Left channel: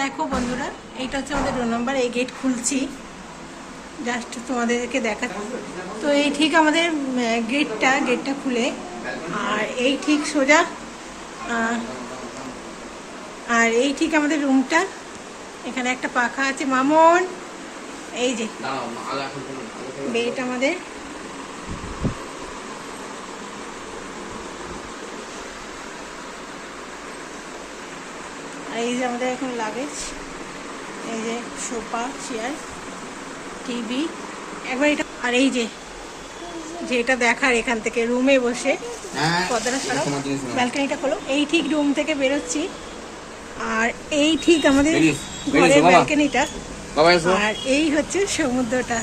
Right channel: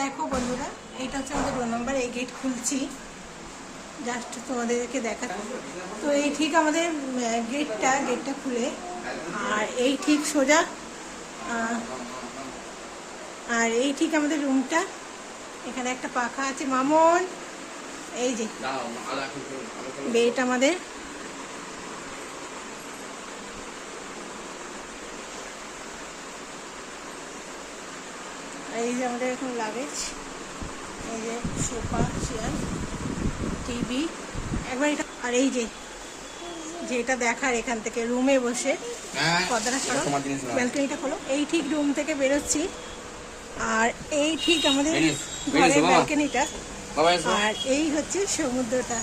দেখো বন্ধুরা, এইটা হচ্ছে আমাদের রোল নাম্বার। এই গেট খুলছি জাস্ট তোমাদেরকে দেখা। তো এই ঠিক আমাদের গেটটা খুলে, আর এই ঠিক সোজা, আর এই ঠিক আমাদের রুমটা। এখানে একটা পাখা আছে মামন, এই যে বেড আমাদের। আর এই যে আমাদের এখন লাগেজ, এই যে সোফা, চেয়ার, টিভি একবার এটা। আর এই যে যেটা দেখার এখান থেকে রুমে বসে পর্দাটা সরাও, ব্যালকনিটা খোলো। এই ঠিক রুম থেকে বেরোচ্ছি, আর এই ঠিক আমাদের ঘরের ব্যালকনিটা, আর এই হচ্ছে সমুদ্রটা।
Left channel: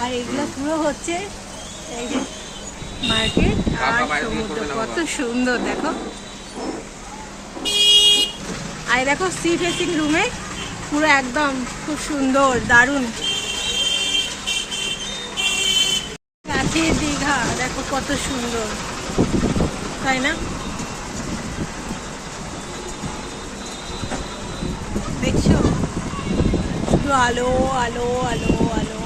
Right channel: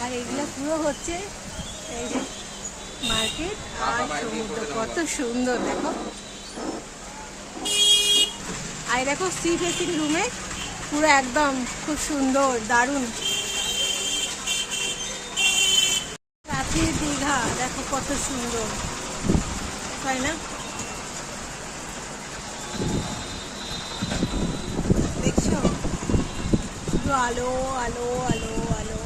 আর এগুলো পুরো হচ্ছে এই যে মার্কেট আর সমুদ্র। কত সুন্দর দেখো। আর দেখো সি ফেসিং রুমে পুরো একদম খুব সুন্দর, দারুণ। কাছে দীঘা দেখো কত সুন্দর, তাই না? দেখছো শুধু আলো আলো আলো আলো